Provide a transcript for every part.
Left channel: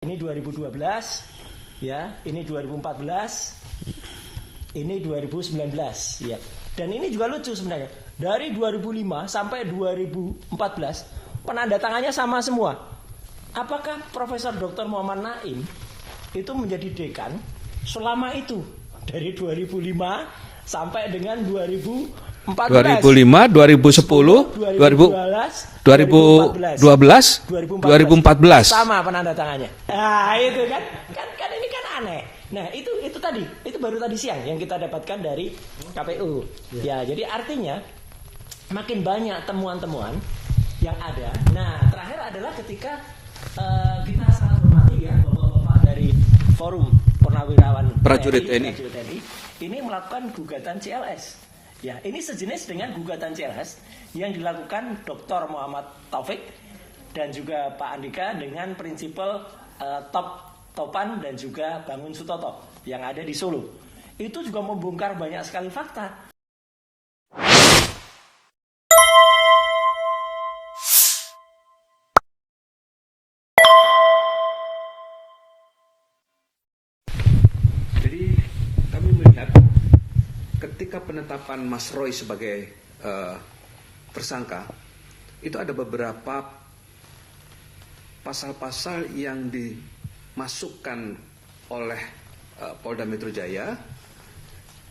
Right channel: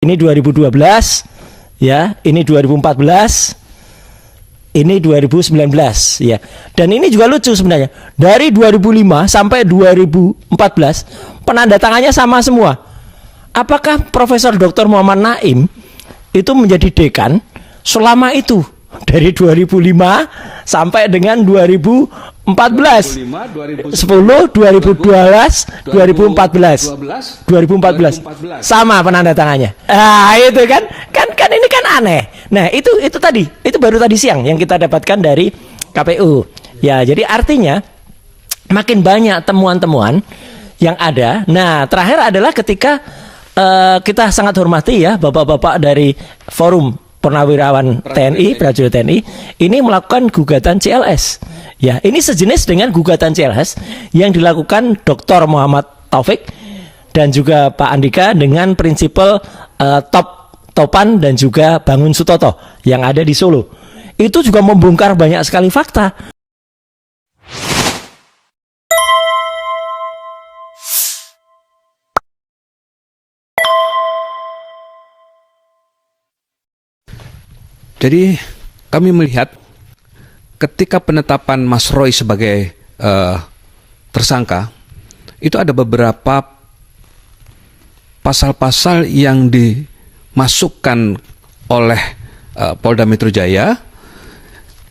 Ini 2012, ya, ini 2014, ini 2019, ya. Dan ini juga lucu sebenarnya. Dari 2005 sampai 2014, penandatangannya sama semua. Apakah Profesor Dr. Muhammad Naim itu menjadi dekan selama itu dari 2005 sampai dengan 2014? 2005, 2010, 2012, 2014. 2014 sama penandatangannya. Ah, itu kan ini kan aneh. Nah, itu tadi, itu baru tadi siang yang kita dapatkan dari KPU. Ya, jadi artinya makin banyak temuan-temuan yang ada. Nah, terakhir adalah ketika kita sangat hormati ya bapak-bapak dari Forum Purnawirawan TNI, Prajurit TNI ini melakukan gugatan CLS. Ya, ini sejenis dengan gugatan CLS yang dilakukan Dr. Muhammad Taufik dan juga Pak Andika dengan prinsipal Topan dan juga Bangun Sutoto yang ada di Solo. Itu juga membongkar banyak sekali fakta. Jadi kami melihat ketika penetapan Mas Roy sebagai tersangka, itu ada beberapa pasal-pasal yang dimasukkan oleh Polda Metro Jaya.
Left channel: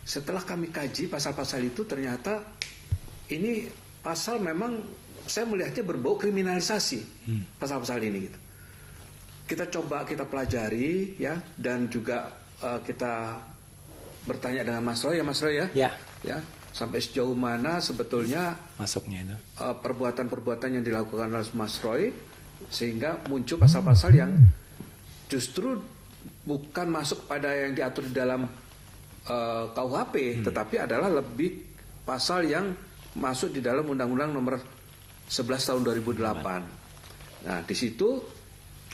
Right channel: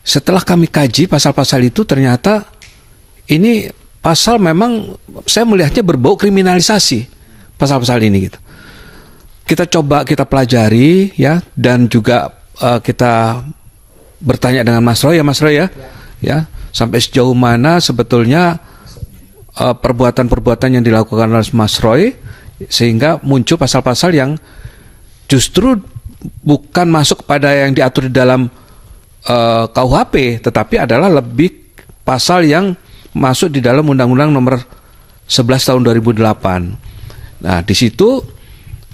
Setelah kami kaji pasal-pasal itu, ternyata ini pasal memang saya melihatnya berbau kriminalisasi pasal-pasal ini gitu. Kita coba kita pelajari ya, dan juga kita bertanya dengan Mas Roy ya, sampai sejauh mana sebetulnya perbuatan-perbuatan yang dilakukan oleh Mas Roy sehingga muncul pasal-pasal yang justru bukan masuk pada yang diatur di dalam KUHP, tetapi adalah lebih pasal yang masuk di dalam Undang-Undang Nomor 11 Tahun 2008. Nah, di situ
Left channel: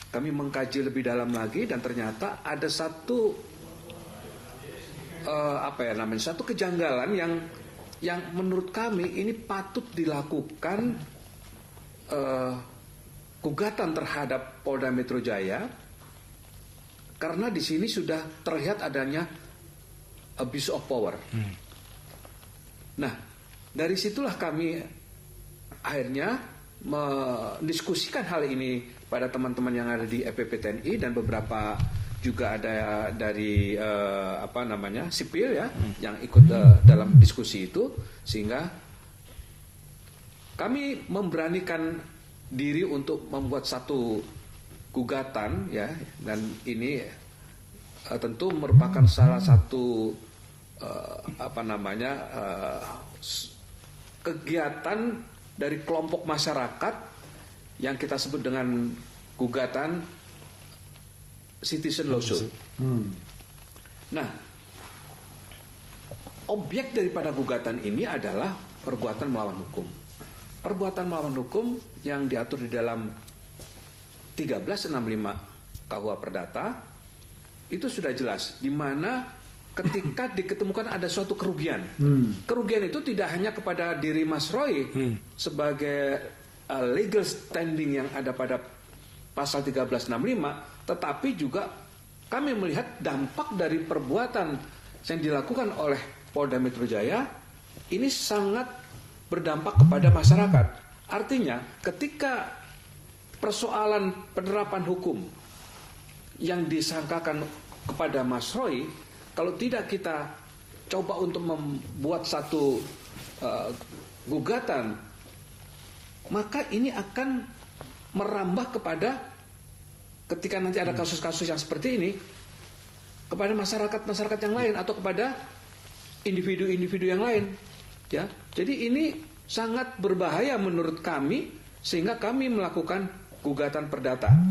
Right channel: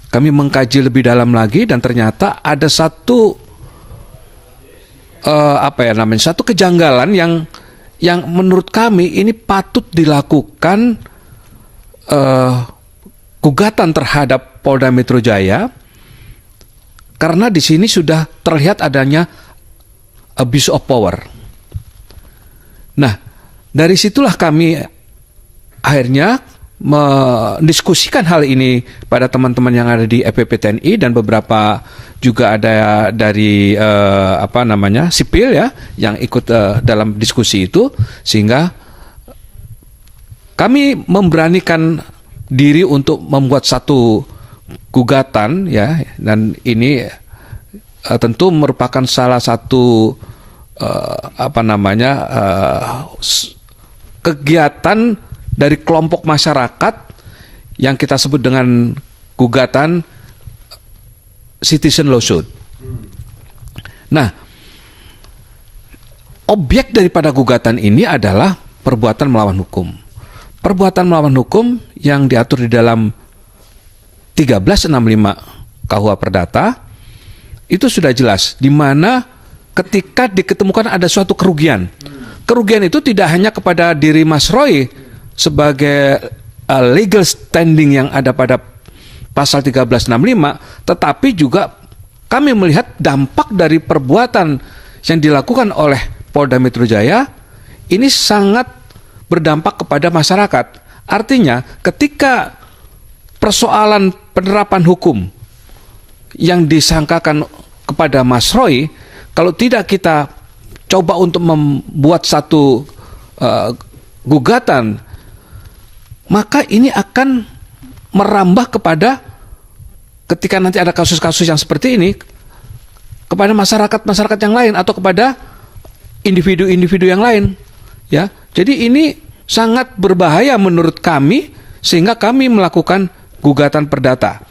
kami mengkaji lebih dalam lagi dan ternyata ada satu satu kejanggalan yang menurut kami ini patut dilakukan gugatan terhadap Polda Metro Jaya karena di sini sudah terlihat adanya abuse of power. Nah, dari situlah kami akhirnya mendiskusikan hal ini pada teman-teman yang ada di EPP TNI dan beberapa juga ada dari sipil ya yang ikut dalam diskusi itu, sehingga kami memberanikan diri untuk membuat satu gugatan ya, dan ini tentu merupakan salah satu kegiatan dari kelompok masyarakat yang kita sebut dengan gugatan citizen lawsuit. Nah, objek daripada gugatan ini adalah perbuatan melawan hukum. Perbuatan melawan hukum yang diatur di dalam 1365 KUH Perdata itu sudah jelas, di mana ketika diketemukan ada suatu kerugian. Kerugian itu tidak hanya kepada diri Mas Roy sebagai legal standing yang ada pada pasal 1365, tetapi juga kami melihat dampak dari perbuatan yang dilakukan oleh Polda Metro Jaya ini sangat berdampak kepada masyarakat. Artinya ketika persoalan penerapan hukum yang disangkakan kepada Mas Roy, kalau tidak kita coba untuk membuat satu gugatan, maka ini akan merambah kepada ketika nanti ada kasus-kasus yang seperti ini kepada masyarakat yang lain atau kepada individu-individu yang lain ya. Jadi ini sangat berbahaya menurut kami, sehingga kami melakukan gugatan perdata.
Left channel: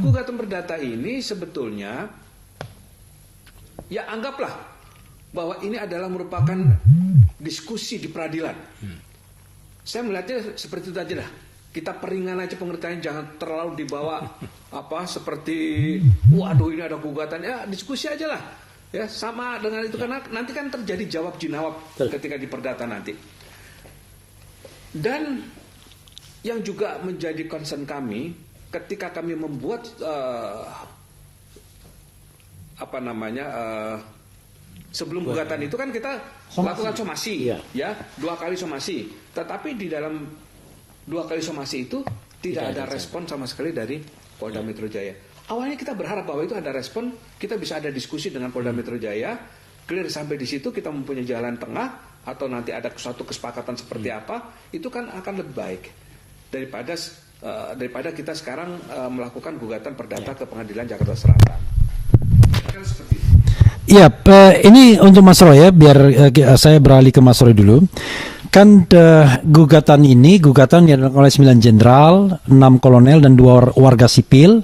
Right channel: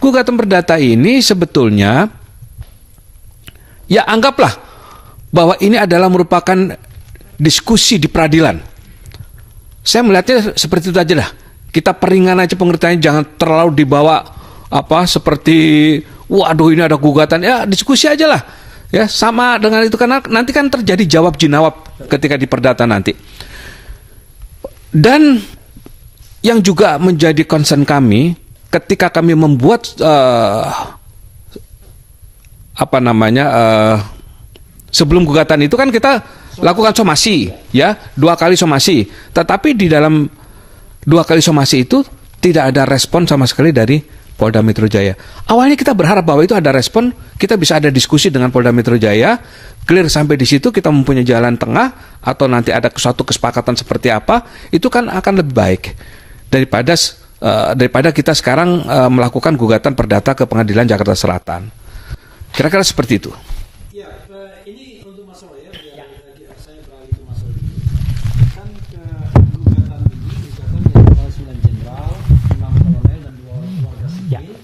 Gugatan perdata ini sebetulnya ya anggaplah bahwa ini adalah merupakan diskusi di peradilan. Saya melihatnya seperti itu aja dah. Kita peringan aja pengertiannya, jangan terlalu dibawa seperti waduh ini ada gugatan, ya diskusi aja lah ya, sama dengan itu, karena nanti kan terjadi jawab jinawab ketika di perdata nanti. Dan yang juga menjadi concern kami ketika kami membuat sebelum gugatan itu kan kita lakukan somasi, ya 2 kali somasi. Tetapi di dalam 2 kali somasi itu tidak ada respon sama sekali dari Polda Metro Jaya. Awalnya kita berharap bahwa itu ada respon, kita bisa ada diskusi dengan Polda Metro Jaya, clear sampai di situ, kita mempunyai jalan tengah atau nanti ada suatu kesepakatan seperti apa, itu kan akan lebih baik daripada kita sekarang melakukan gugatan perdata ke Pengadilan Jakarta Selatan. Kira-kira seperti itu. Iya, ini untuk Mas Roy ya, biar saya beralih ke Mas Roy dulu. Kan gugatan yang oleh 9 jenderal, 6 kolonel dan 2 warga sipil,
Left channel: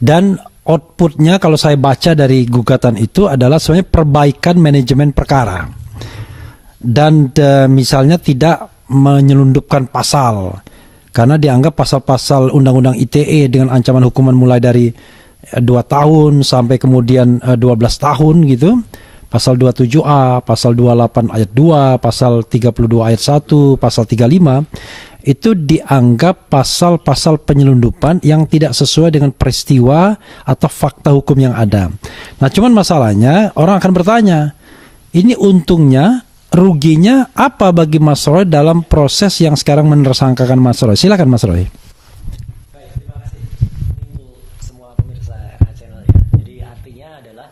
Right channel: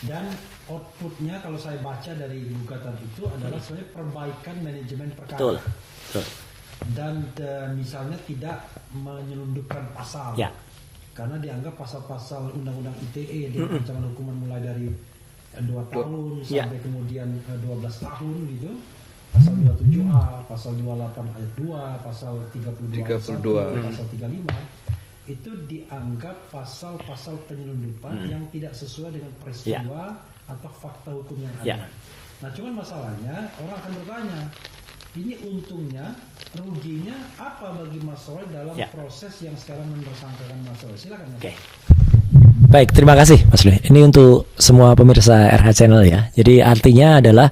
dan outputnya kalau saya baca dari gugatan itu adalah sebenarnya perbaikan manajemen perkara. Dan misalnya tidak menyelundupkan pasal, karena dianggap pasal-pasal Undang-Undang ITE dengan ancaman hukuman mulai dari 2 tahun sampai kemudian 12 tahun gitu. Pasal 27A, pasal 28 ayat 2, pasal 32 ayat 1, pasal 35 itu dianggap pasal-pasal penyelundupan yang tidak sesuai dengan peristiwa atau fakta hukum yang ada. Nah, cuman masalahnya orang akan bertanya, ini untungnya, ruginya apa bagi Mas Roy dalam proses yang sekarang menersangkakan Mas Roy? Silakan Mas Roy. Baik, terima kasih Mas Roy. Ini untuk semua pemirsa RH Channel ya. Jadi artinya adalah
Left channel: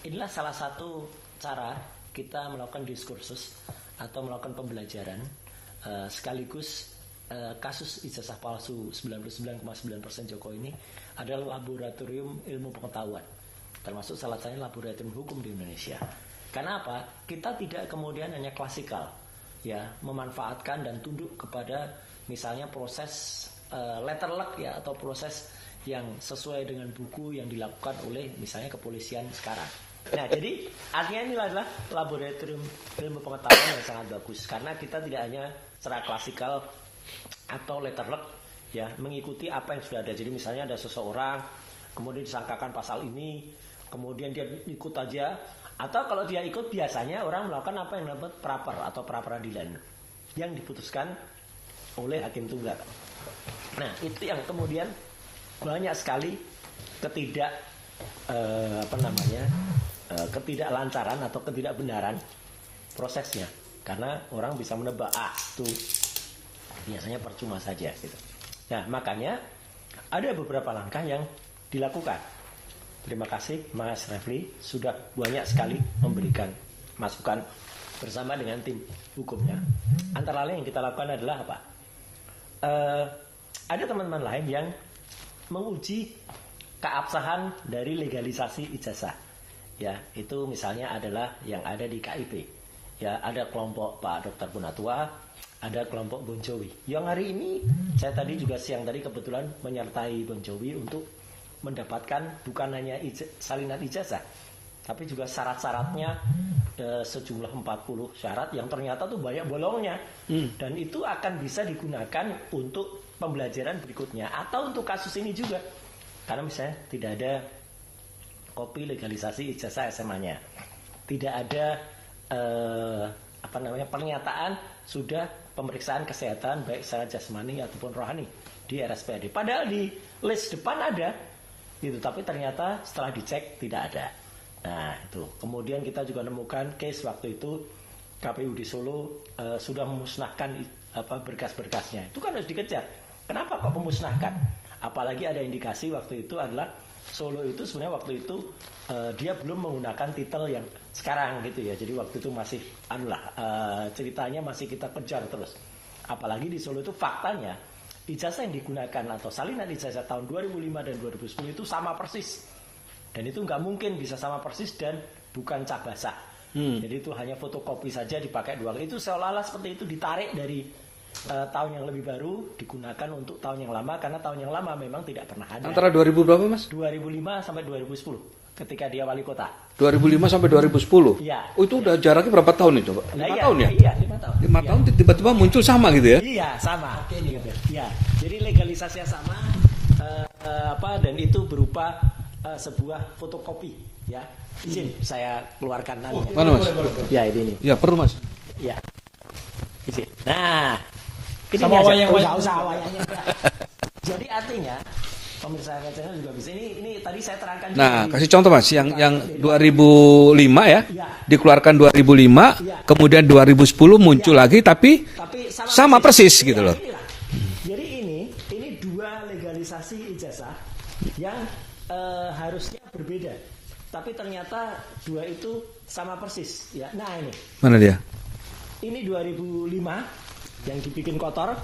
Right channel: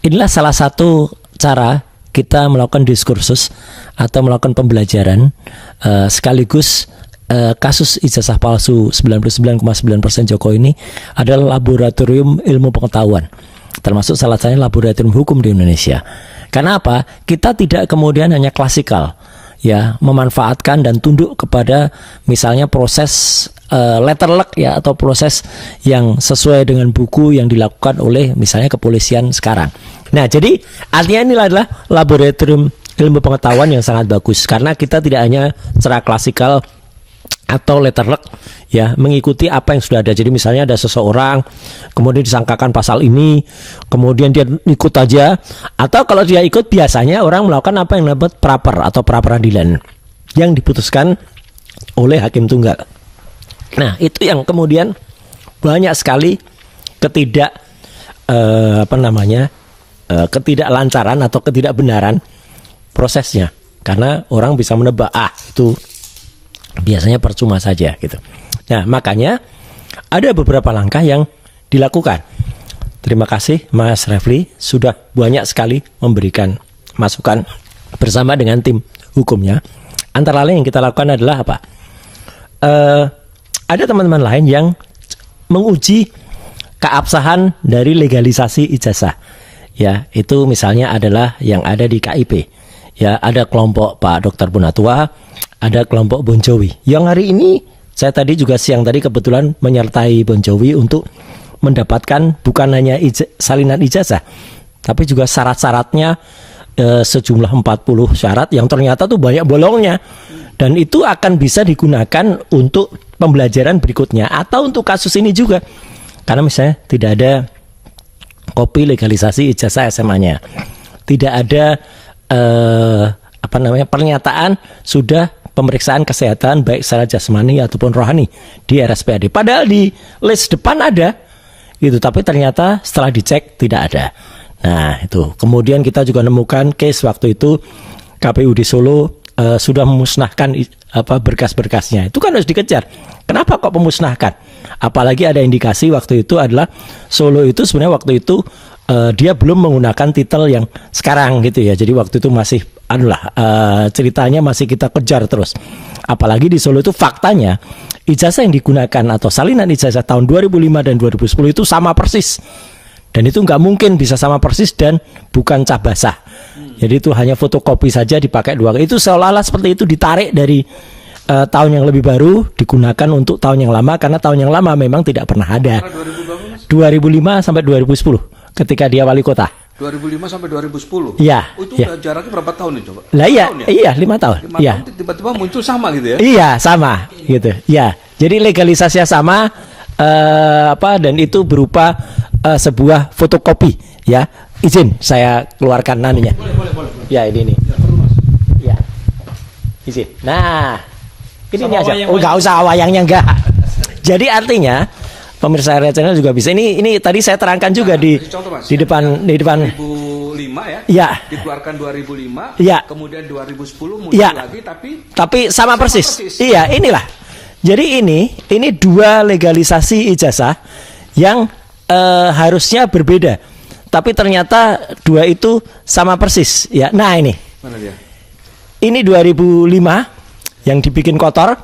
inilah salah satu cara kita melakukan diskursus atau melakukan pembelajaran sekaligus kasus ijazah palsu 99,9% Jokowi ini adalah laboratorium ilmu pengetahuan, termasuk salah satunya laboratorium hukum di Indonesia. Karena apa? Kita tidak kemudian hanya klasikal, ya, memanfaatkan dan tunduk kepada misalnya proses letterluck ya, atau proses yang sesuai dengan buku yang dilakukan oleh misalnya kepolisian sekarang. Nah, jadi artinya ini adalah laboratorium ilmu pengetahuan yang sangat bagus karena kita tidak hanya secara klasikal atau letterluck ya, mengikuti apa yang sudah ada. Jadi misalnya ada seseorang kemudian disangkakan pasal ini, kemudian dia ikut aja, atau kalau dia ikut biasanya orang melakukan apa yang disebut praper atau pra peradilan yang diputuskan oleh hakim tunggal. Nah, itu yang kemudian banyak sekali ketidaklancaran atau ketidakbenaran prosesnya, karena orang bisa menebak itu biasanya percuma saja gitu. Nah, makanya ada beberapa langkah yang dilakukan. Terima kasih Mas Refli sudah banyak sekali memberikan masukan bersama dengan tim hukumnya. Antara lain yang kita lakukan adalah apa? Ada teman-teman lain yang menguji keabsahan dari legalisasi ijazah. Ya, itu misalnya adalah yang ada di KIP. Ya, ada kelompok Pak Dr. Punatua, ada kelompok Bon Jovi. Yang hari ini saya tadi juga siang tadi kebetulan menyertai Bon Jovi untuk mendapatkan bukan hanya salinan ijazah, tapi juga syarat-syaratnya sejumlah 40 syarat yang ternyata tuh banyak bolongnya. Dan itu akan bisa digunakan untuk pembelajaran berikutnya atau untuk kasus ini juga. Karena misalnya tidak ada kopi legalisasi ijazah SMA-nya. Tidak ada pernyataan sudah pemeriksaan kesehatan baik secara jasmani ataupun rohani di RSPAD. Padahal di list depan ada gitu, tapi ternyata setelah dicek tidak ada. Nah, itu. Kemudian kita juga nemukan case waktu itu KPU di Solo sudah memusnahkan berkas-berkasnya. Itu kan harus dikejar. Kenapa kok memusnahkan? Apalagi ada indikasi waktu itu adalah Solo itu sebenarnya waktu itu dia belum menggunakan titel yang sekarang gitu ya. Jadi waktu itu masih ceritanya masih kita kejar terus. Apalagi di Solo itu faktanya ijazah yang digunakan atau salinan ijazah tahun 2005 dan 2010 itu sama persis. Dan itu nggak mungkin bisa sama persis dan bukan cap basah. Jadi itu hanya fotokopi saja dipakai 2 kali. Itu seolah-olah seperti itu ditarik dari tahun yang lebih baru digunakan untuk tahun yang lama, karena tahun yang lama memang tidak pernah ada. Antara 2000 berapa, Mas? 2005 sampai 2010 ketika dia wali kota. 2005 sampai 2010. Iya. Oh, itu ya. Udah jaraknya berapa tahun itu, Pak? Lah iya, tahun, ya? Iya 5 tahun. 5 iya. tahun tiba-tiba muncul sama gitu ya? Iya, sama gitu. Ya. Jadi legalisasinya sama dan itu berupa sebuah fotokopi ya. Izin saya keluarkan nanunya. Boleh. Ya, ini. Ya, perlu, Mas. Ya. Izin. Nah, ini aja. Enggak usah wayangnya enggak. Jadi artinya pemirsa area channel juga bisa. Ini tadi saya terangkan juga di kasih contoh Mas, di depan 2005 ya. Ya. Dikeluarkan 2005, Ya. kemudian 2010 muncul Ya. lagi tapi sama persis. Iya, gitu. inilah. Jadi ini dua legalisasi ijazah yang harusnya berbeda. Tapi ternyata dua itu sama persis ya. Nah, ini. Mana dia? Ini 2005 yang dibikin kotor.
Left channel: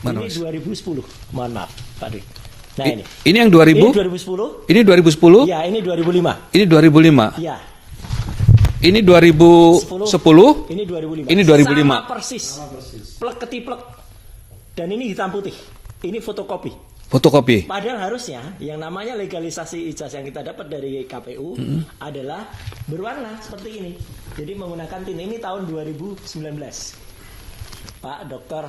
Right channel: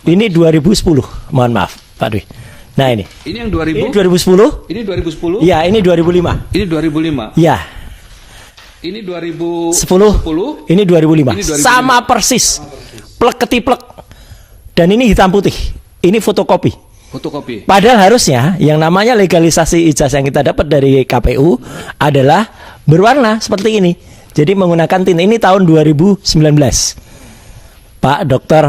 Ini 2010. Mohon maaf, Pak Dwi. Nah, ini. Ini yang 2000? Ini 2010. Ini 2010? Ya, ini 2005. Ini 2005. Ya. Ini 2010. Ini 2005. Ini 2005. Sama persis. Plek ketiplek. Dan ini hitam putih. Ini fotokopi. Fotokopi. Padahal harusnya yang namanya legalisasi ijazah yang kita dapat dari KPU adalah berwarna seperti ini. Jadi menggunakan tint. Ini tahun 2019. Pak Dr.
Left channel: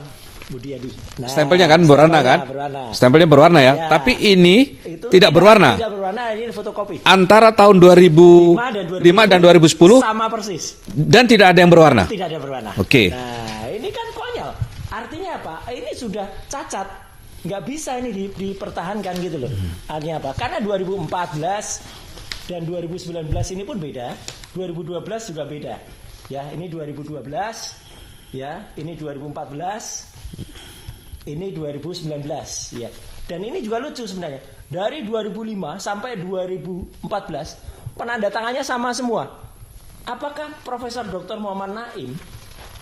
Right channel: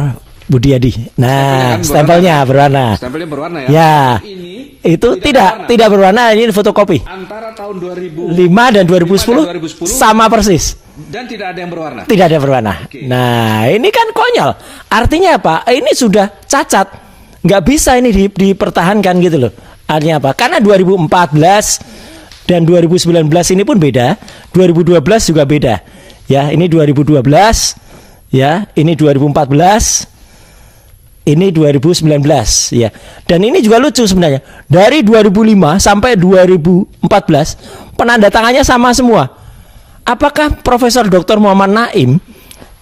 Budiadi. Nah, stempelnya berwarna. Stempelnya berwarna ya. Ya. Tapi ini itu tidak berwarna. Tidak berwarna, ini fotokopi. Antara tahun 2005 dan 2010 sama persis. Dan tidak ada yang berwarna. Tidak ada berwarna. Oke. Nah, ini kan konyol. Artinya apa? Ini sudah cacat. Nggak bisa ini dipertahankan gitu loh. Artinya apa? Karena 2014 dan 2019 ini pun beda. 2012 juga beda. Ya, ini 2012. Ya, ini 2014. Ini 2019. Ya. Dan ini juga lucu sebenarnya. Dari 2005 sampai 2014 penandatangannya sama semua. Apakah Profesor Dr. Muhammad Naim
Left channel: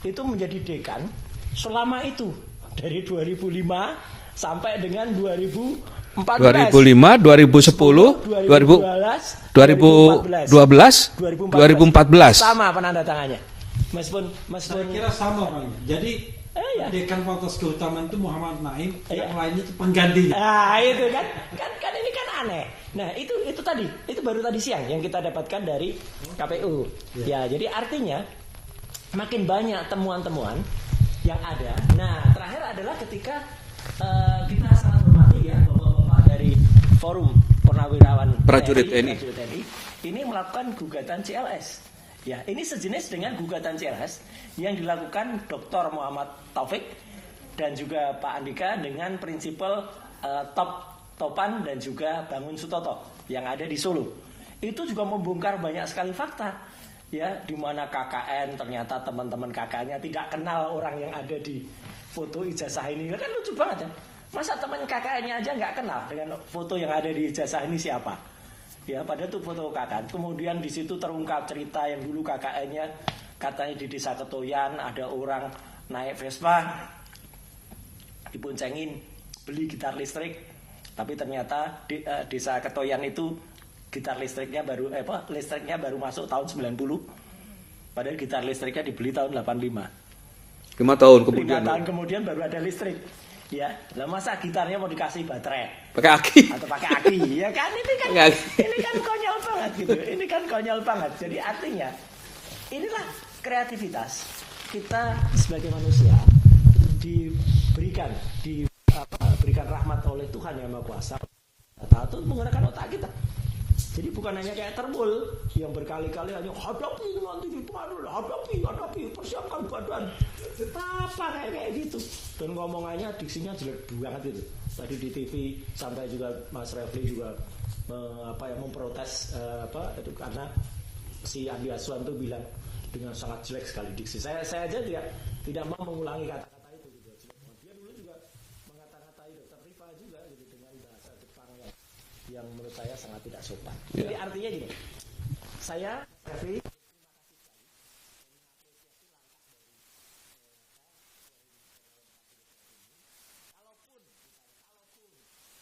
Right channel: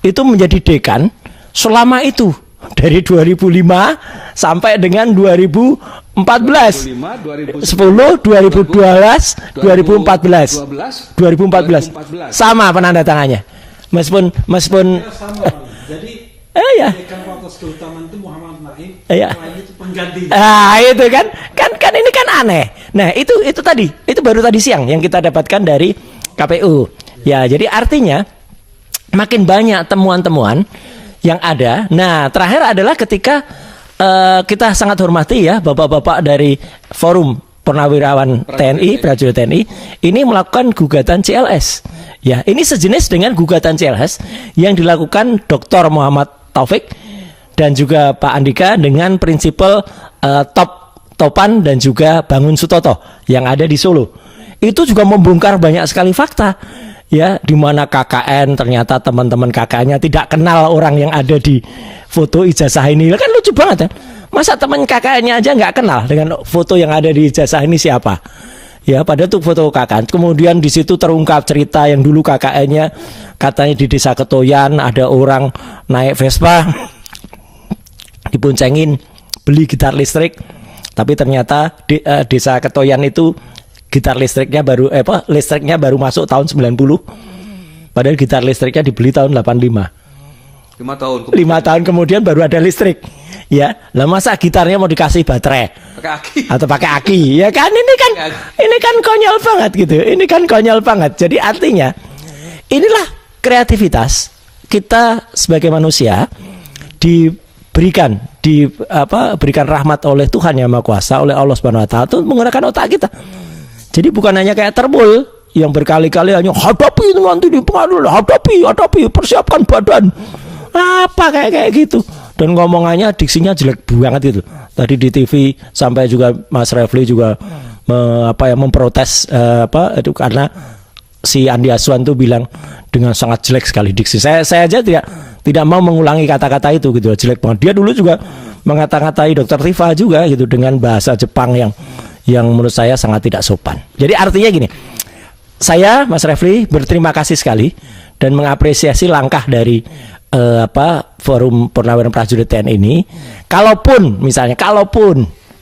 itu menjadi dekan selama itu? Dari 2005 sampai dengan 2014. 2005, 10, 2010, 2012, 2014. 2014. Sama penandatangannya. Meskipun Sama, jadi ya. dekan fakultas keutamaan itu Muhammad Naim, Iya. lainnya itu pengganti. Itu kan ini kan aneh. Nah, itu tadi, itu baru tadi siang yang kita dapatkan dari KPU. Ya, jadi artinya makin banyak temuan-temuan yang ada. Nah, terakhir adalah ketika kita sangat hormati ya bapak-bapak dari Forum Purnawirawan TNI, Prajurit TNI, ini melakukan gugatan CLS. Ya, ini sejenis dengan gugatan CLS yang dilakukan Dr. Muhammad Taufik dan juga Pak Andika dengan prinsipal Topan dan juga Bangun Sutoto yang ada di Solo. Itu juga membongkar banyak sekali fakta. Ya, di mana KKN ternyata teman-teman KKN-nya tidak kenal orang yang ada di foto ijazah ini. Kan lucu banget ya. Masa teman KKN-nya aja nggak kenal dengan foto yang ada di ijazah ini siapa? Ya, padahal itu foto KKN. Kemudian di situ terungkap cerita yang dulu KKN-nya katanya di Desa Ketoyan ada orang naik Vespa diboncengin beli gitar listrik, tapi ternyata di Desa Ketoyan itu gitar listriknya baru masuk tahun 90. Padahal gitar listriknya dibeli tahun 85. 5 tahun kemudian baru ada listrik. Ya, lah masa gitarnya mau dikasih baterai? Pakai aki. Atau pakai aki? Ya kan ini kan konyol banget gitu. Ini kan konyol banget. Jadi artinya inilah kreativitas kita sebagai manusia berikan rahmat oleh Tuhan Yang Maha Kuasa, oleh Allah Subhanahu wa taala untuk menggunakan otak kita. Jadi bukan hanya kayak terbul yang berkali-kali hanya hadapi itu nanti dipengaruhi, hadapi, persiapkan badan. Apa kayak gitu. Dan ngomongannya diksinya jelek banget itu. Tadi di TV sampai juga Mas Refli juga memprotes itu karena si Andi Aswan tuh bilang dengan sangat jelek sekali diksi. Saya aja tidak mau mengulangi kata-kata itu gitu, jelek banget. Dia dulu juga mengata-ngatai Dr. Tifa juga gitu dengan bahasa Jepang yang menurut saya sangat tidak sopan. Jadi artinya gini, saya Mas Refli berterima kasih sekali dan mengapresiasi langkah dari Forum Purnawirawan Prajurit TNI ini. Kalaupun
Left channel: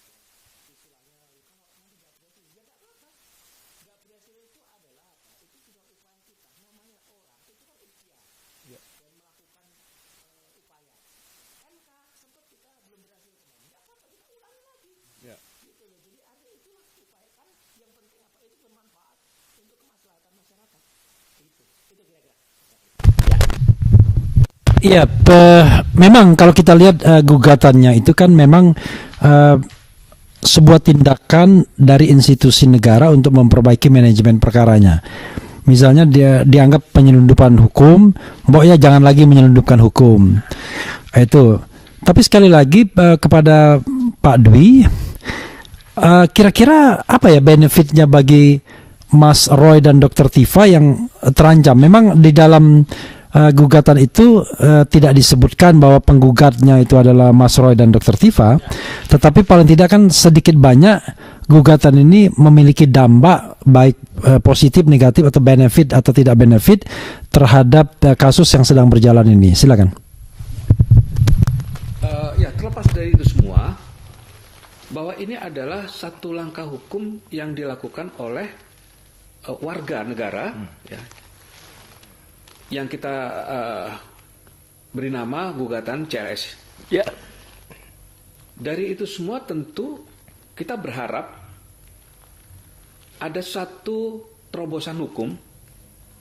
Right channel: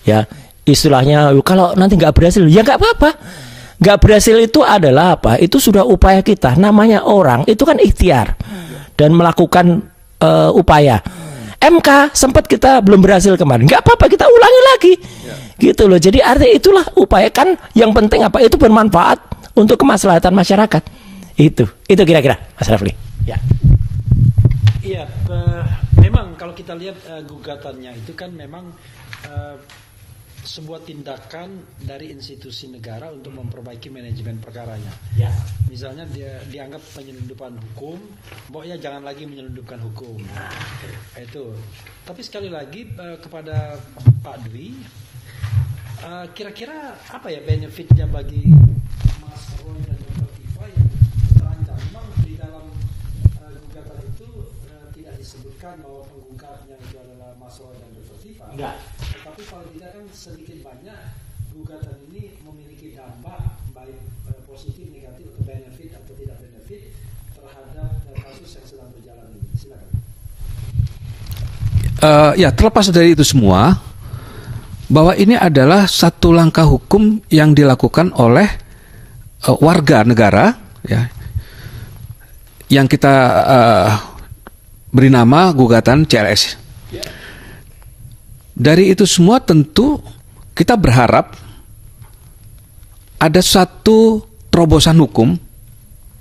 ya istilahnya kalau nanti nggak berhasil, ya nggak apa-apa. Nggak berhasil itu adalah apa? Itu sudah upaya kita. Namanya orang itu kan ikhtiar dan melakukan upaya. MK sempat kita belum berhasil kemarin, nggak apa-apa, kita ulangi lagi. Gitu loh. Jadi artinya itulah upaya, kan yang penting apa? Itu bermanfaat untuk kemaslahatan masyarakat. Itu kira-kira Mas Rafli. Ya. Iya, memang kalau kita lihat gugatannya itu kan memang sebuah tindakan dari institusi negara untuk memperbaiki manajemen perkaranya. Misalnya dia dianggap penyelundupan hukum, pokoknya jangan lagi menyelundupkan hukum. Itu. Tapi sekali lagi kepada Pak Dwi, Kira-kira apa ya benefitnya bagi Mas Roy dan Dr. Tifa yang terancam? Memang di dalam gugatan itu tidak disebutkan bahwa penggugatnya itu adalah Mas Roy dan Dr. Tifa, tetapi paling tidak kan sedikit banyak gugatan ini memiliki dampak baik positif, negatif atau benefit atau tidak benefit terhadap kasus yang sedang berjalan ini. Silakan. Ya, terlepas dari itu semua, bahwa ini adalah satu langkah hukum yang dilakukan oleh warga negara, ya, yang kita beri nama gugatan CLS. Ya. Dari itu semua tentu kita berharap ada satu terobosan hukum,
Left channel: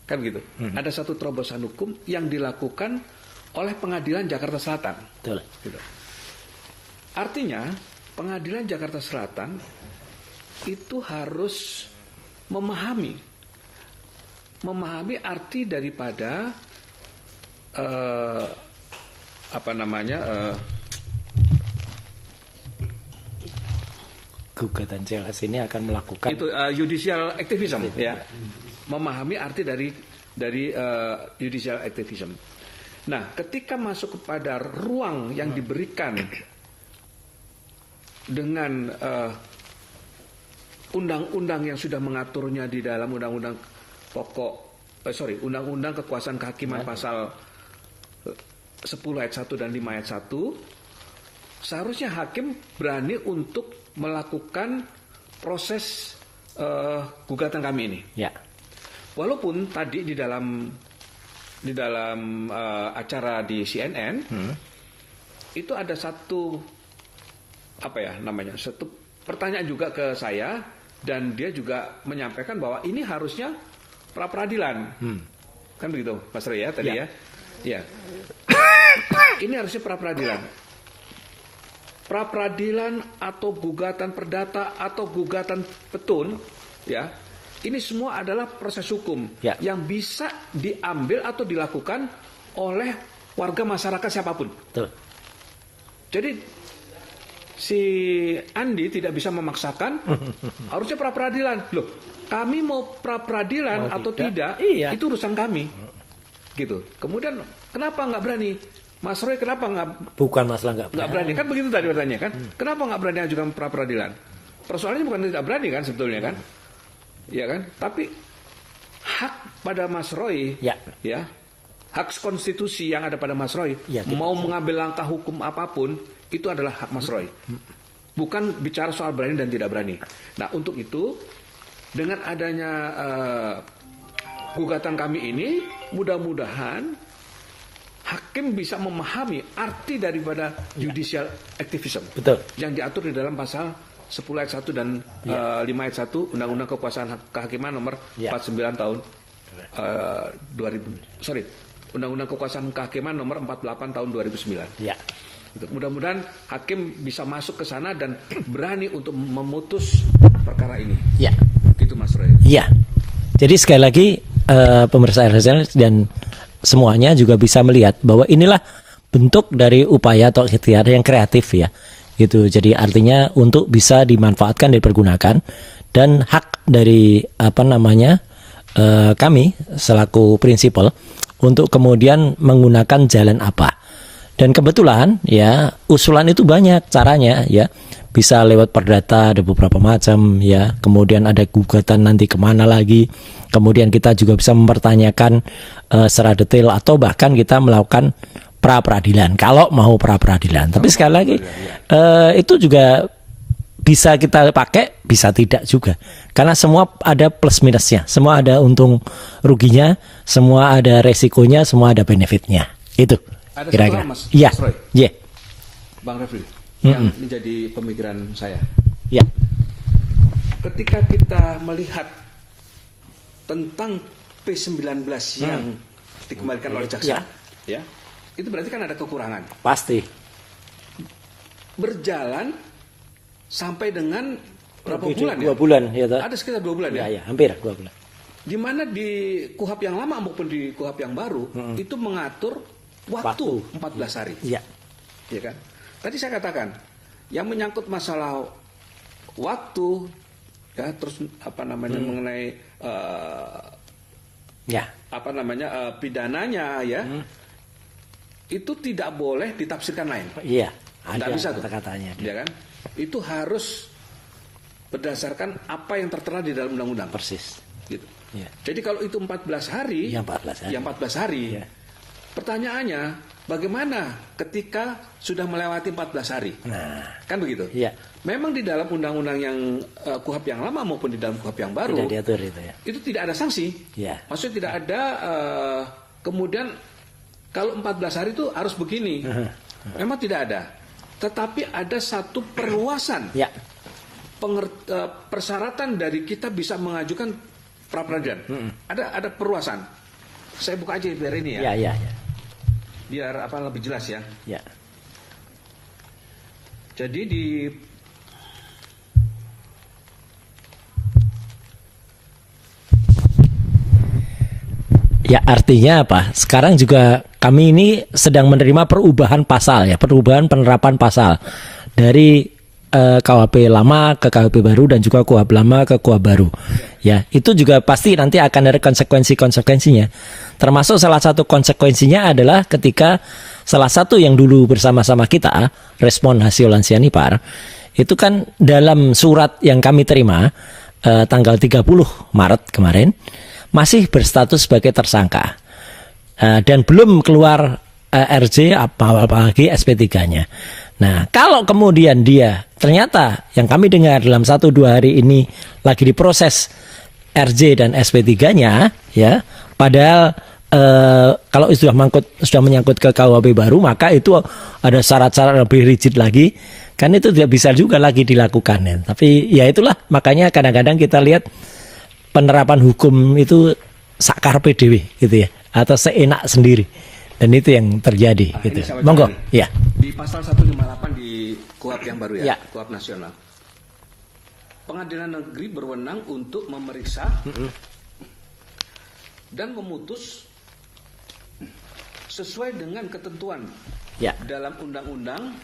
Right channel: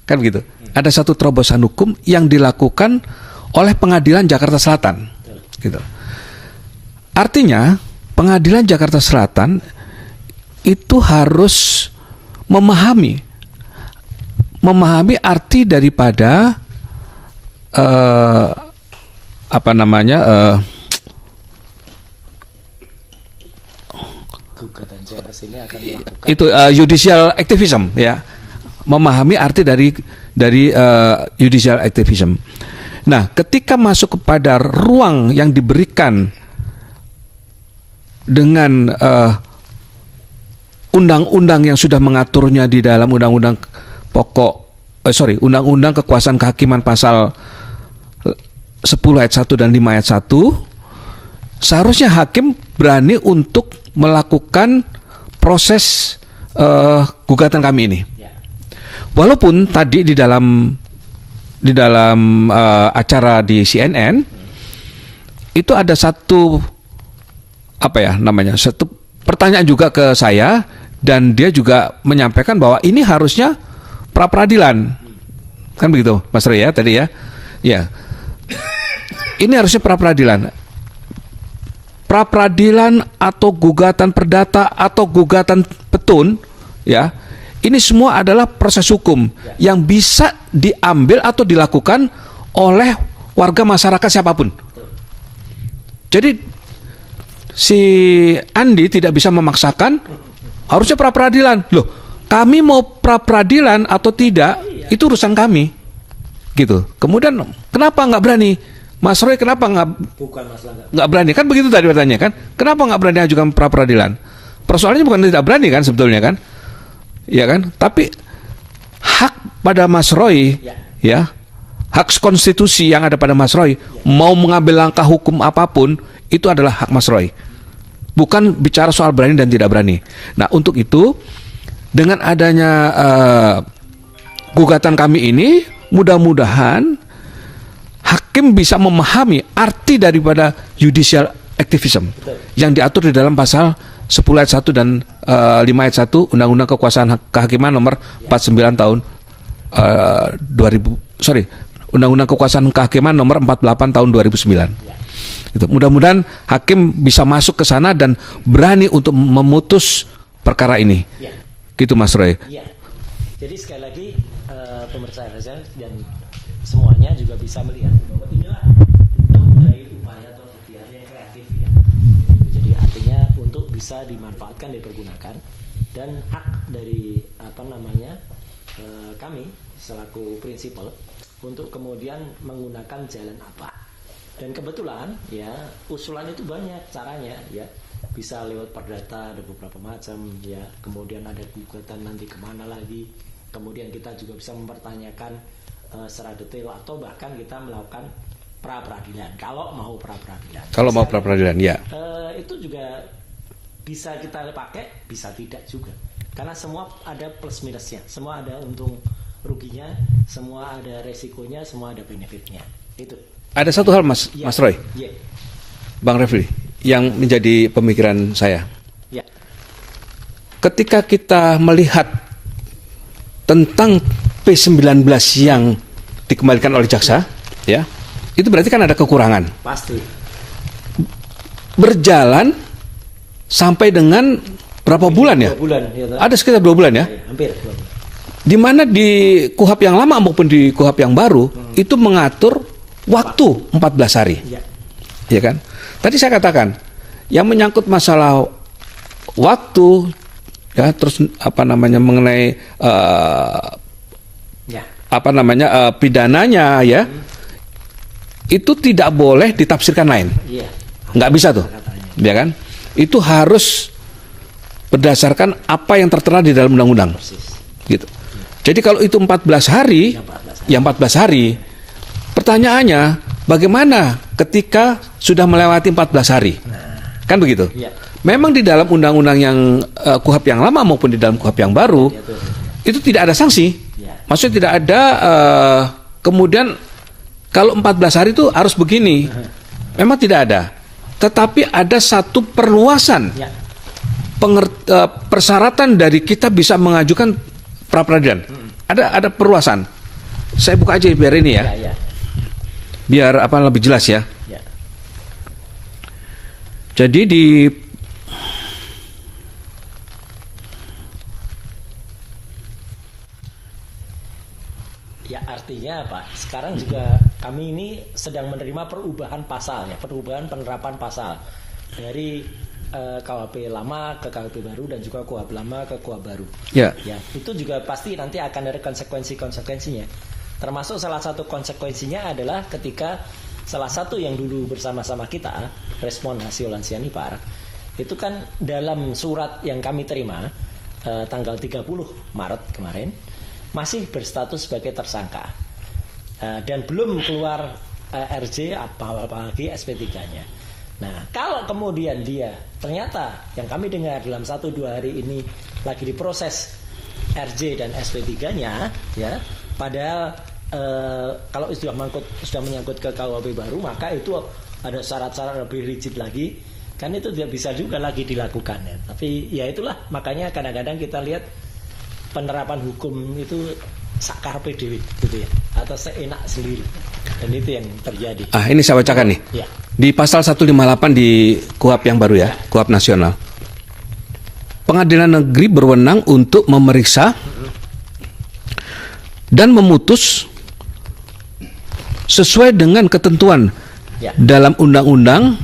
kan begitu? Ada satu terobosan hukum yang dilakukan oleh Pengadilan Jakarta Selatan. Betul. Gitu. Artinya Pengadilan Jakarta Selatan itu harus memahami arti daripada Gugatan CLS ini akan melakukan itu judicial activism, ya, memahami arti dari judicial activism. Nah, ketika masuk kepada ruang yang diberikan dengan undang-undang yang sudah mengaturnya di dalam undang-undang undang-undang kekuasaan kehakiman pasal 10 ayat 1 dan 5 ayat 1, seharusnya hakim berani untuk melakukan proses gugatan kami ini. ya. Walaupun tadi di dalam acara di CNN itu ada satu satu pertanyaan juga ke saya, dan dia juga menyampaikan bahwa ini harusnya pra peradilan, kan begitu, Mas Roy ya tadi ya, ya. Ini harusnya pra peradilan atau gugatan perdata atau gugatan petun, ya. Ini semua adalah proses hukum yang bisa diambil atau dilakukan oleh warga masyarakat siapapun. Betul. Jadi si Andi tidak bisa memaksakan harusnya pra peradilan. Loh, kami mau pra peradilan atau tidak, itu urusan kami. Gitu. Kemudian kenapa nggak berani? Mas Roy kenapa Bukan masalah nggak berani? Kan begitu tadi pertanyaan kan? Kenapa nggak berani ajukan pra peradilan? Persoalannya bukan tidak berani kan sebetulnya kan? Ya kan? Tapi hak pada Mas Roy, ya, hak konstitusi yang ada pada Mas Roy, mau mengambil langkah hukum apapun, itu adalah hak Mas Roy. Bukan bicara soal berani dan tidak berani. Nah, untuk itu, dengan adanya gugatan kami ini, mudah-mudahan hakim bisa memahami arti daripada judicial activism. Betul. Yang diatur di dalam pasal 10 ayat 1 dan 5 ayat 1 Undang-Undang Kekuasaan Kehakiman nomor 49 tahun Undang-Undang Kekuasaan Kehakiman nomor 48 tahun 2009. Ya. Gitu. Mudah-mudahan hakim bisa masuk ke sana dan berani untuk memutus perkara ini. Ya. Gitu Mas Roy. Iya. Jadi sekali lagi pemirsa RSL dan semuanya juga bisa melihat bahwa inilah bentuk dari upaya atau ikhtiar yang kreatif ya. Gitu. Jadi artinya untuk bisa dimanfaatkan dan dipergunakan, dan hak dari kami selaku prinsipal untuk kemudian menggunakan jalan apa. Dan kebetulan ya usulan itu banyak caranya ya, bisa lewat perdata ada beberapa macam ya, kemudian ada gugatan nanti kemana lagi, kemudian kita juga bisa mempertanyakan secara detail atau bahkan kita melakukan pra peradilan kalau mau pra peradilan. Tapi sekali lagi itu juga bisa kita pakai, bisa tidak juga, karena semua ada plus minusnya, semua ada untung ruginya, semua ada resikonya, semua ada benefitnya. Itu. Ada satu hal Mas, ya. Mas Roy, Bang Refli, yang menjadi pemikiran saya. Ya. Ketika kita melihat tentang P19 yang dikembalikan oleh jaksa, ya, itu berarti kan ada kekurangan. Pasti. Berjalan sampai dengan berapa bulan ya? 2 bulan. Ya, ada sekitar 2 bulan ya? Ya, hampir 2 bulan. Di mana di KUHP yang lama maupun di KUHP yang baru itu mengatur waktu 14 hari. Iya. Ya kan? Tadi saya katakan yang menyangkut masalah waktu, ya, terus mengenai Ya. pidananya, ya, itu tidak boleh ditafsirkan lain. Iya. Nggak bisa tuh, Katanya. ya kan? Itu harus berdasarkan apa yang tertera di dalam undang-undang. Persis. Gitu. Jadi kalau itu 14 hari, Ya, 14 hari. Pertanyaannya, bagaimana ketika sudah melewati 14 hari? Kan begitu? Iya. Memang di dalam undang-undang yang KUHP yang lama maupun di dalam KUHP yang baru, Diatur itu ya. itu tidak ada sanksi. Ya. Maksudnya tidak ada kemudian kalau 14 hari itu harus begini. Memang tidak ada. Tetapi ada satu perluasan Ya. persyaratan dari kita bisa mengajukan pra peradilan. Ada perluasan. Saya buka aja biar ini ya. Ya. Biar lebih jelas ya. Ya. Jadi di Ya, artinya apa? Sekarang juga kami ini sedang menerima perubahan pasal ya, perubahan penerapan pasal dari KUHP lama ke KUHP baru dan juga KUHP lama ke KUHP baru. Ya. Ya, itu juga pasti nanti akan ada konsekuensi-konsekuensinya. Termasuk salah satu konsekuensinya adalah ketika salah satu yang dulu bersama-sama kita, respon hasil Lansianipar, itu kan dalam surat yang kami terima tanggal 30 Maret kemarin, masih berstatus sebagai tersangka dan belum keluar RJ apalagi SP3-nya. Nah, kalau kemudian dia ternyata yang kami dengar dalam 1-2 hari ini lagi diproses RJ dan SP3-nya, ya, padahal kalau sudah menyangkut ke KUHP baru, maka itu ada syarat-syarat lebih rigid lagi, kan itu tidak bisa juga lagi dilakukan ya. Tapi ya itulah, makanya kadang-kadang kita lihat penerapan hukum itu sakarpe dewe gitu ya, atau seenak sendiri, dan itu yang terjadi. ini saya bacakan nih. Ya. Di pasal 158 di KUHP yang baru ya, Ya. KUHP nasional. Pengadilan negeri berwenang untuk memeriksa dan memutus sesuai dengan ketentuan Ya. dalam undang-undang.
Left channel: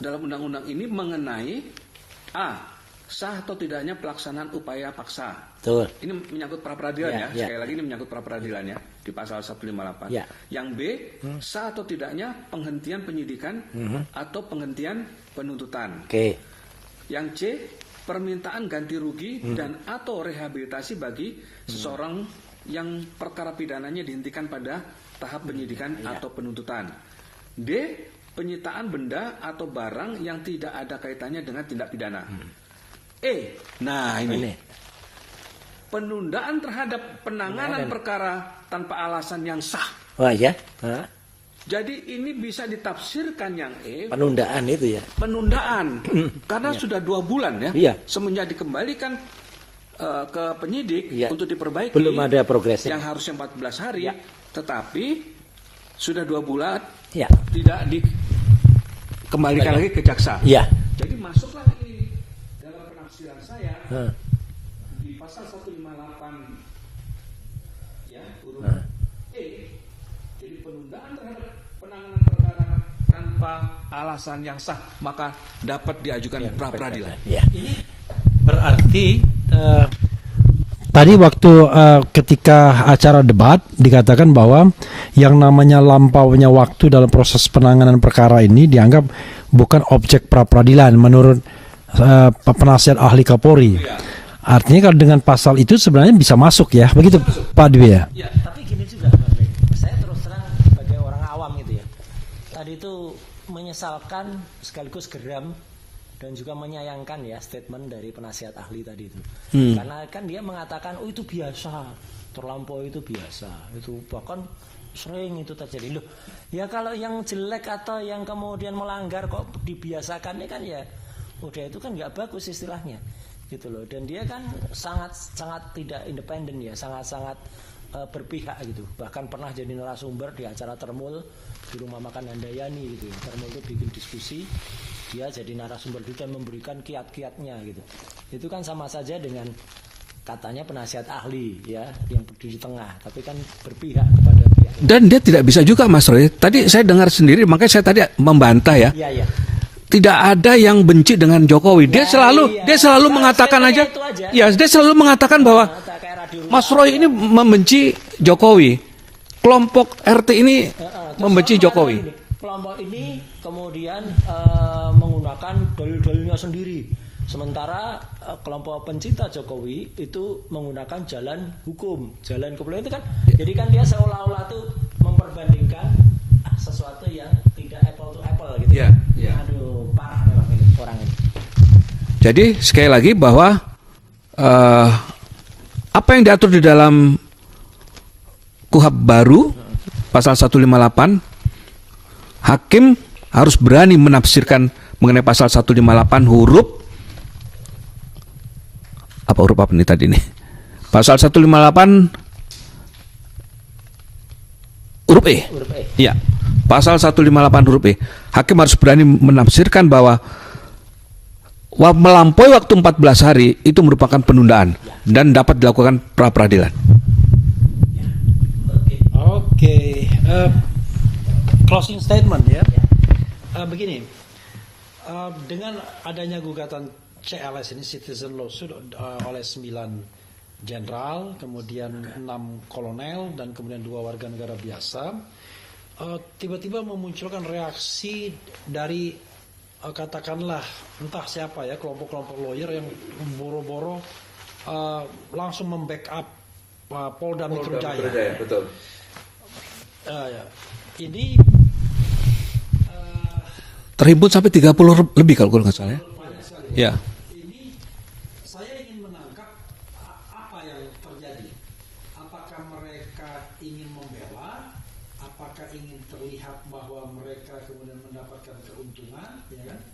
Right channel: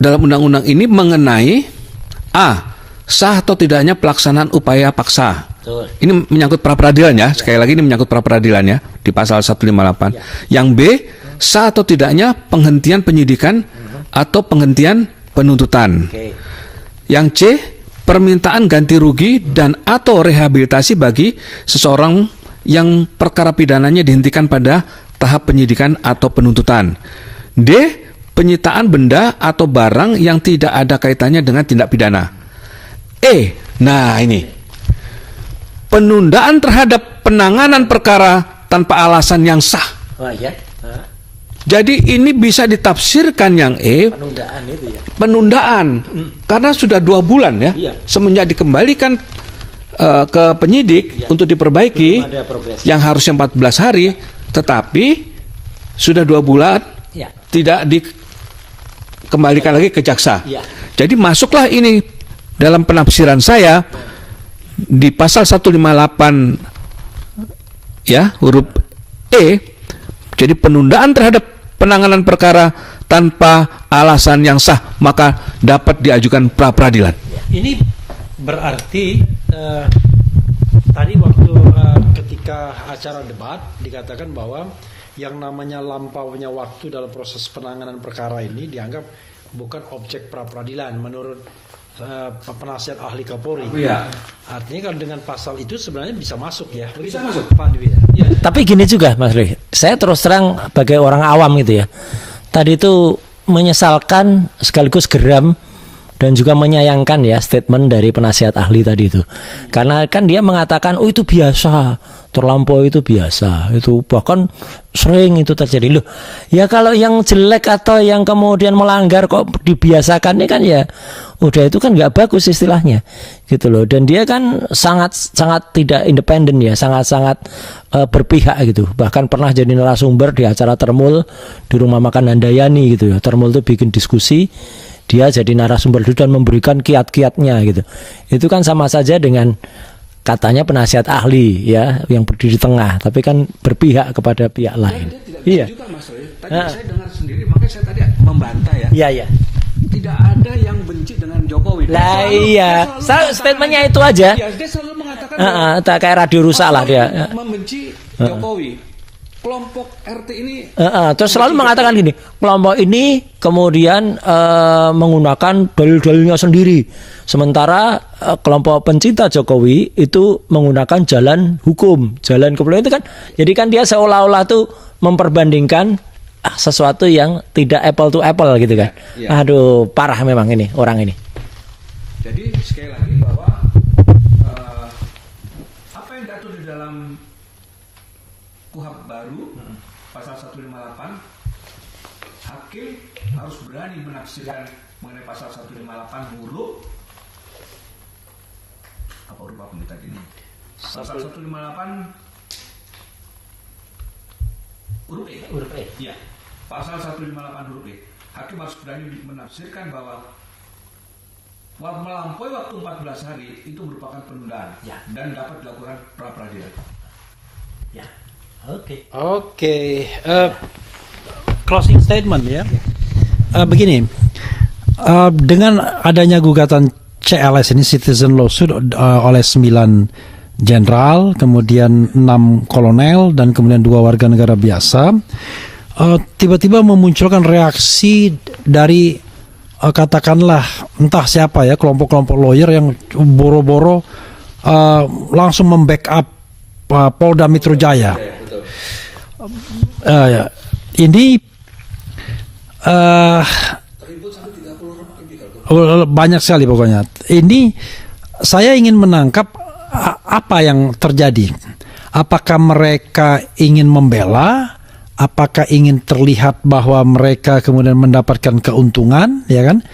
Dalam undang-undang ini mengenai sah atau tidaknya pelaksanaan upaya paksa. Betul. Ini menyangkut pra peradilan ya. Sekali lagi ini menyangkut pra peradilan ya di pasal 158. Ya. Yang B, sah atau tidaknya penghentian penyidikan atau penghentian penuntutan. Oke. Yang C, permintaan ganti rugi dan atau rehabilitasi bagi seseorang yang perkara pidananya dihentikan pada tahap penyidikan atau penuntutan. D, penyitaan benda atau barang yang tidak ada kaitannya dengan tindak pidana. E, nah ini, penundaan terhadap penanganan perkara tanpa alasan yang sah. Wah ya. Jadi ini bisa ditafsirkan yang E, Penundaan itu ya. penundaan, karena sudah 2 bulan ya, Iya. semenjak dikembalikan ke penyidik Iya. untuk diperbaiki, Belum ada progres. yang harusnya 14 hari, tetapi sudah 2 bulan Ya. tidak dikembalikan lagi ke jaksa. Iya. Jadi masuklah ini dalam penafsiran saya di pasal 158 ya huruf E. Jadi penundaan terhadap penanganan perkara tanpa alasan yang sah maka dapat diajukan pra peradilan. Ini berarti tadi waktu ketika acara debat dikatakan bahwa yang namanya lampaunya waktu dalam proses penanganan perkara ini dianggap bukan objek pra peradilan menurut penasihat ahli Kapolri. Artinya kalau dengan pasal itu sebenarnya bisa masuk ya, begitu Pak Dwi ya. Tapi gini juga Mas Rih, saya terus terang sebagai orang awam gitu ya. Tadi itu menyesalkan sekaligus geram dan juga menyayangkan ya statement dari penasihat ahli tadi itu. Karena kan dia mengatakan oh itu biasa, terlampau itu biasa, itu bahkan sering itu terjadi. Loh, ya kalau yang jelek atau yang kemudian melanggar kok dibiasakan ini kan ya udah itu kan nggak bagus istilahnya gitu loh. Dan dia kan sangat tidak independen ya, sangat berpihak gitu. Bahkan pernah jadi narasumber di acara Termul di rumah makan Handayani gitu ya. Termul itu bikin diskusi, dia jadi narasumber dan memberikan kiat-kiatnya gitu. Itu kan sama saja dengan katanya penasihat ahli ya yang berdiri di tengah, tapi kan berpihak kepada pihak lain. Dan dia tidak bisa Iya. juga Mas Roy. Tadi saya dengar sendiri, makanya saya tadi membantah ya. Iya. tidak ada yang benci dengan Jokowi. Dia Nah, selalu iya. dia selalu mengatakan Statementnya aja itu aja. Ya, dia selalu mengatakan bahwa tak kayak radio rusak Mas lah Roy dia. ini membenci Jokowi. Kelompok RT ini Terus membenci selalu mengatakan Jokowi. gini, kelompok ini kemudian menggunakan dalil-dalilnya sendiri. Sementara kelompok pencinta Jokowi itu menggunakan jalan hukum, jalan kepolisian itu kan. Jadi kan dia seolah-olah tuh memperbandingkan sesuatu yang tidak apple to apple gitu kan. Ya. Aduh, parah memang ini orang ini. Jadi sekali lagi bahwa apa yang diatur di dalam KUHP baru pasal 158, hakim harus berani menafsirkan mengenai pasal 158 huruf apa nih tadi nih? Pasal 158 huruf E. Iya. Pasal 158 huruf E. Hakim harus berani menafsirkan bahwa melampaui waktu 14 hari itu merupakan penundaan dan dapat dilakukan pra peradilan. Oke, closing statement ya. Begini, dengan adanya gugatan CLS ini citizen lawsuit oleh 9 jenderal, kemudian 6 kolonel dan kemudian 2 warga negara biasa, tiba-tiba memunculkan reaksi dari katakanlah entah siapa ya, kelompok-kelompok lawyer yang boro-boro langsung membackup Polda Metro Jaya. Ini Terhimpun sampai 30 lebih kalau nggak salah. banyak sekali pokoknya. Ini saya ingin menangkap apa yang terjadi. Apakah mereka ingin membela? Apakah ingin terlihat bahwa mereka kemudian mendapatkan keuntungan, ya kan,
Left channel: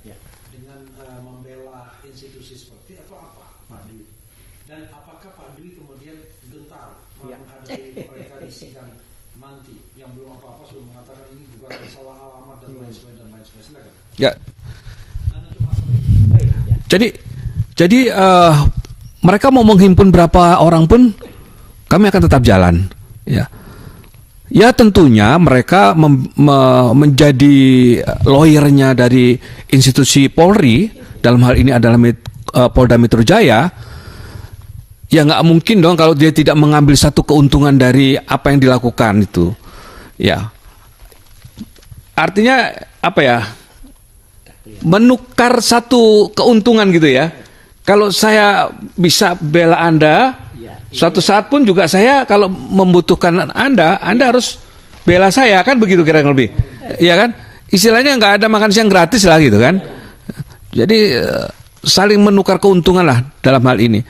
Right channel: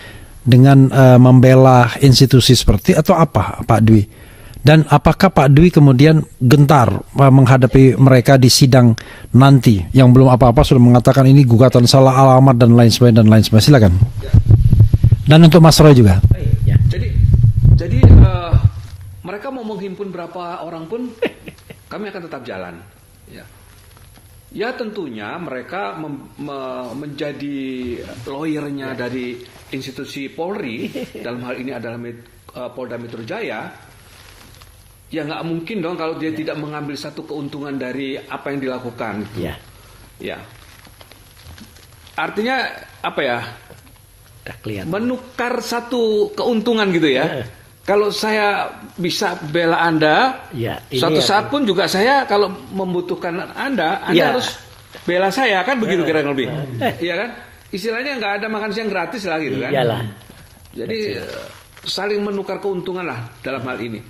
dengan membela institusi seperti atau apa, Pak Dwi? Dan apakah Pak Dwi kemudian gentar menghadapi mereka di sidang nanti yang belum apa-apa sudah mengatakan ini gugatan salah alamat dan lain sebagainya. Silakan. Ya. Dan untuk Mas Roy juga. Jadi mereka mau menghimpun berapa orang pun kami akan tetap jalan. Ya. Ya tentunya mereka menjadi lawyernya dari institusi Polri, dalam hal ini adalah Polda Metro Jaya. Ya nggak mungkin dong kalau dia tidak mengambil satu keuntungan dari apa yang dilakukan itu. Ya. Artinya apa ya? Menukar satu keuntungan gitu ya. Kalau saya bisa bela Anda, suatu saat pun juga saya kalau membutuhkan Anda harus bela saya, kan begitu kira-kira lebih. Iya kan? Istilahnya nggak ada makan siang gratis lah gitu kan. Iyalah. Jadi saling menukar keuntungan lah dalam hal ini.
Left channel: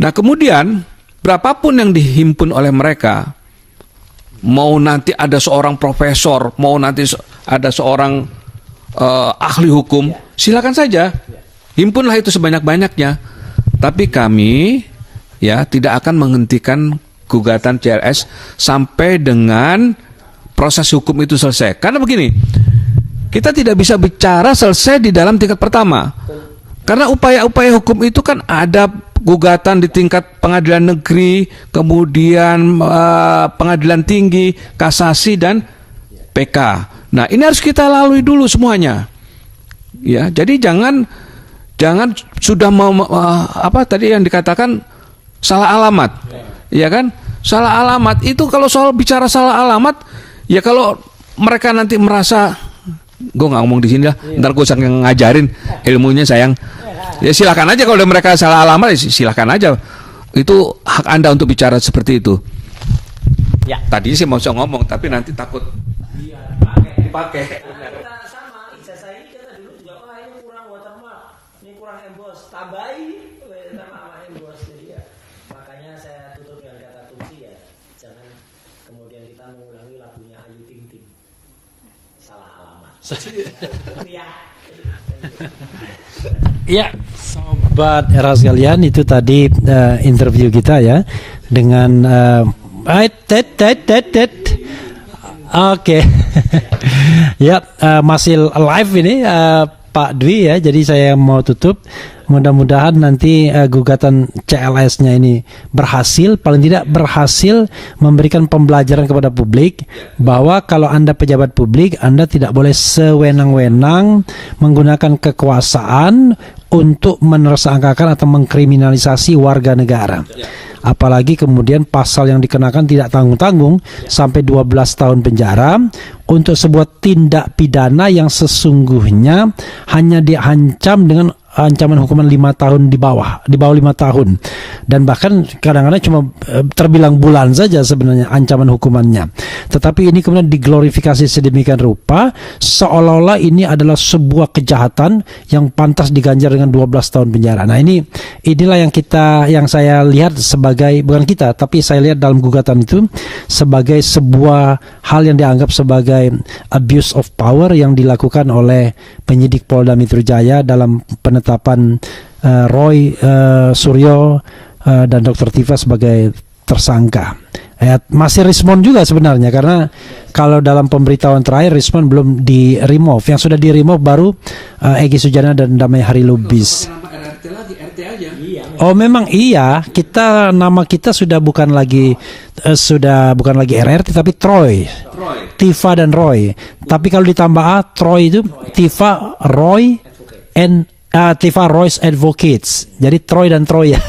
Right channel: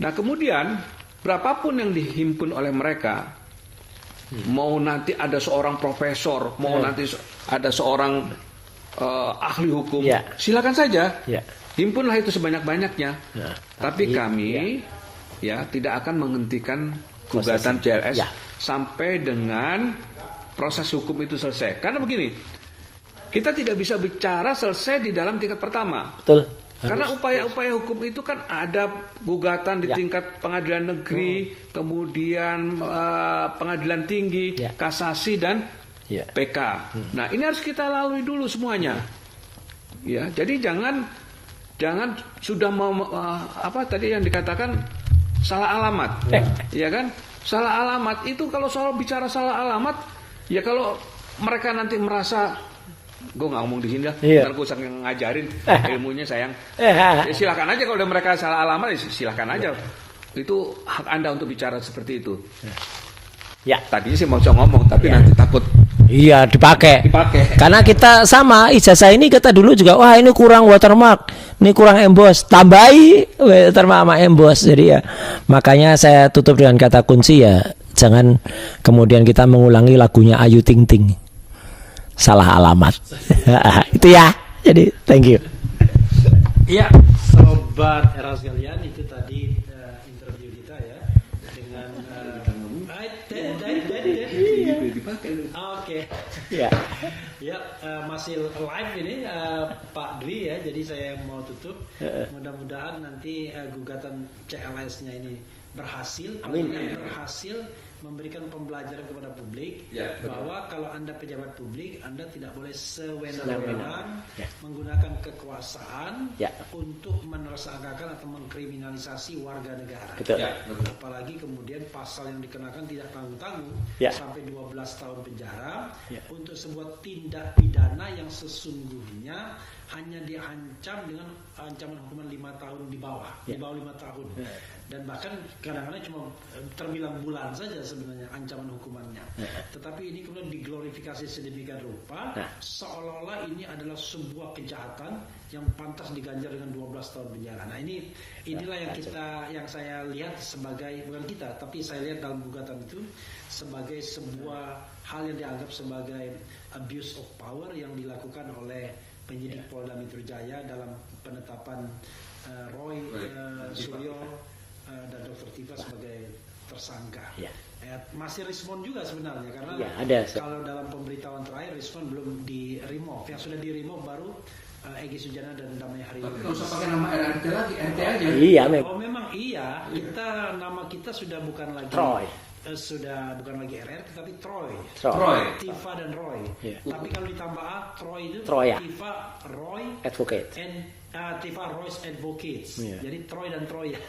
Nah kemudian berapapun yang dihimpun oleh mereka, mau nanti ada seorang profesor, mau nanti ada seorang ahli hukum, silakan saja. Himpunlah itu sebanyak-banyaknya. Tapi kami ya tidak akan menghentikan gugatan CLS sampai dengan proses hukum itu selesai. Karena begini, kita tidak bisa bicara selesai di dalam tingkat pertama. Betul. Karena upaya-upaya hukum itu kan ada gugatan di tingkat pengadilan negeri, kemudian pengadilan tinggi, kasasi dan PK. Nah, ini harus kita lalui dulu semuanya. Ya, jadi jangan sudah apa tadi yang dikatakan salah alamat. Ya kan? Salah alamat itu kalau soal bicara salah alamat, ya kalau mereka nanti merasa gue nggak ngomong di sini lah, ntar gue saking ngajarin ilmunya sayang. Ya silakan aja kalau mereka salah alamat, ya silakan aja. Itu hak Anda untuk bicara seperti itu. Ya. Tadi sih mau ngomong, tapi nanti takut. Iya dipakai. Karena kita sama ijazah ini kita dulu juga wah ini kurang watermark, ini kurang emboss, tambahi watermark sama emboss. Jadi ya makanya saya tutup dengan kata kunci ya jangan kemudian kita mengulangi lagunya Ayu Ting Ting. Salah alamat. Itu ya. Jadi thank you. Ya, sobat era sekalian, itu tadi interview kita ya dengan Oke. Ya, masih live ini Pak Dwi ya. Jadi saya mau tutup Mudah-mudahan nanti gugatan CLS-nya ini berhasil, paling tidak berhasil memberikan pembelajaran kepada publik bahwa kalau Anda pejabat publik, Anda tidak boleh sewenang-wenang menggunakan kekuasaan untuk menersangkakan atau mengkriminalisasi warga negara. Apalagi kemudian pasal yang dikenakan tidak tanggung-tanggung sampai 12 tahun penjara untuk sebuah tindak pidana yang sesungguhnya hanya diancam dengan ancaman hukuman 5 tahun di bawah 5 tahun, dan bahkan kadang-kadang cuma terbilang bulan saja sebenarnya ancaman hukumannya. Tetapi ini kemudian diglorifikasi sedemikian rupa seolah-olah ini adalah sebuah kejahatan yang pantas diganjar dengan 12 tahun penjara. Nah, inilah yang saya lihat sebagai, bukan kita, tapi saya lihat dalam gugatan itu sebagai sebuah hal yang dianggap sebagai abuse of power yang dilakukan oleh penyidik Polda Metro Jaya dalam penetapan Roy Suryo dan Dr. Tifa sebagai tersangka. Masih respon juga sebenarnya, karena kalau dalam pemberitahuan terakhir respon belum di remove. Yang sudah di remove baru Egy Sujana dan Damai Hari Lubis. Oh memang iya, nama kita sudah bukan lagi RRT tapi Troy. Tifa dan Roy. Tapi kalau ditambah Troy itu Tifa, Roy and Tifa Roy's Advocates. Jadi Troy dan Troy ya.